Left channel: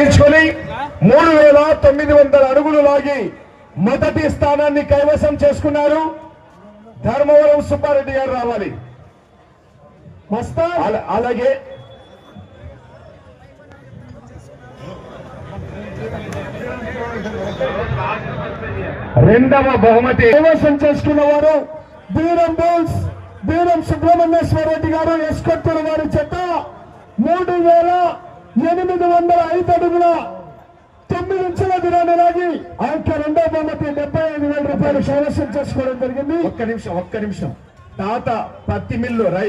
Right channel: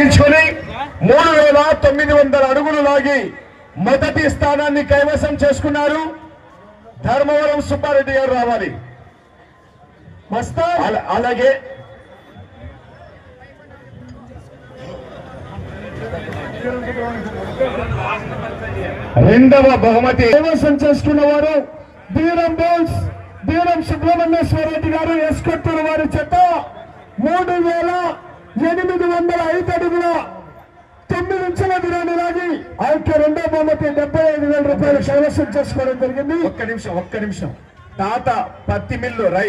తీసుకొని మూడు వేల తొమ్మిది వందల అడుగులు లాగి మొదటి స్థానాన్ని కైవసం చేసుకున్నారు ధర్మవరం సుబ్బారెడ్డి గారు రావాలి. అలాగే. రెండవ బహుమతి. కైవసం చేసుకున్న వారు బీరం బోల్స్ బీరం సుబ్రహ్మణ్యేశ్వర రెడ్డి గారు ఎస్కొత్తూరు వారి చెత్త మూడు వేల ఎనిమిది వందల ఐదు అడుగుల తొమ్మిది ఇంచుల దూరాన్ని లాగి ఆ యొక్క రెండో బొమ్మకి డెబ్బై ఐదు వేల రూపాయలు కైవసం చేసుకోవడం జరిగింది. ఒక్క నిమిషం ఒక్క నిమిషం. తాత పత్తి మిల్లు రై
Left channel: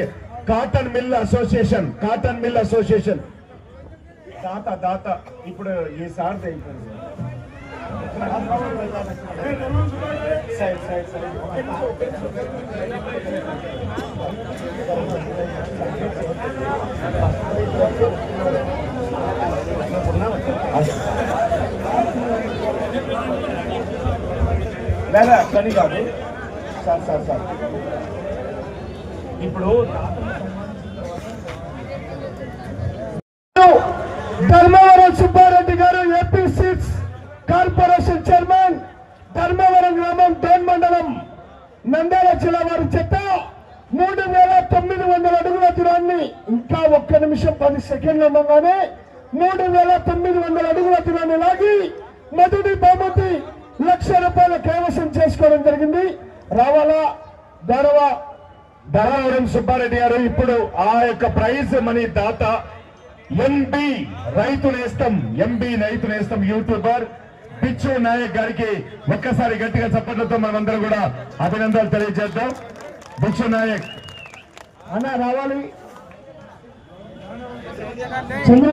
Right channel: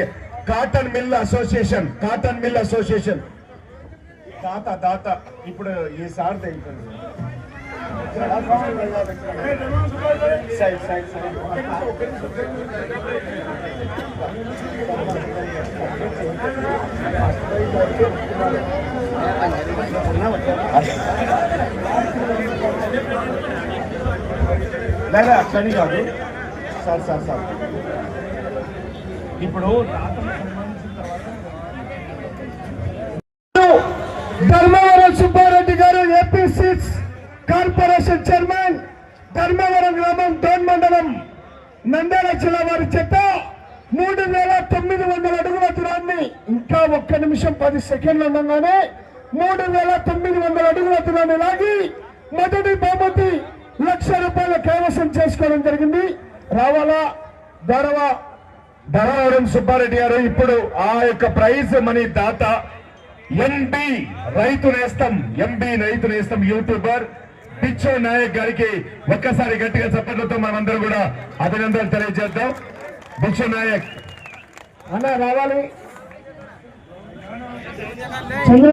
cotton mill association cotton mill association. తాత తాత ఇప్పుడు ఈ సార్ సైడ్ సైడ్ లేదా అట్లని కాదు. Sir sir sir. ఇప్పుడు ధర్మవరం సుబ్బారెడ్డి గారు AP six corporation chairman Dharmavaram గ్రామం డోన్ మండలం నంద్యాల జిల్లా వారి చెత్త మూడు వేల తొమ్మిది వందల అడుగుల దూరాన్ని ఇంకా ఒక్క నిమిషం పది సెకండ్లు ఉండగానే మూడు వేల తొమ్మిది వందల అడుగుల దూరాన్ని లాగి మొదటి బహుమతి లక్ష రూపాయల కైవసం చేసుకోవడం జరిగింది. రావాలా? ధరవ? ధరవరం సుబ్బారెడ్డి గారు ఇప్పుడు ఆ యొక్క ప్రైజ్ మనీ దాత ఎంబి రైతు నేస్తం ఎంబి రైతు నేస్తం యూట్యూబర్. పిచ్చు నాయక్ గారికి ఒక్కసారి గట్టిగా చప్పట్లతో మనమందరం కూడా అభినందనలు తెలియజేద్దాం. పిచ్చు నాయక్. అన్న రావాలి.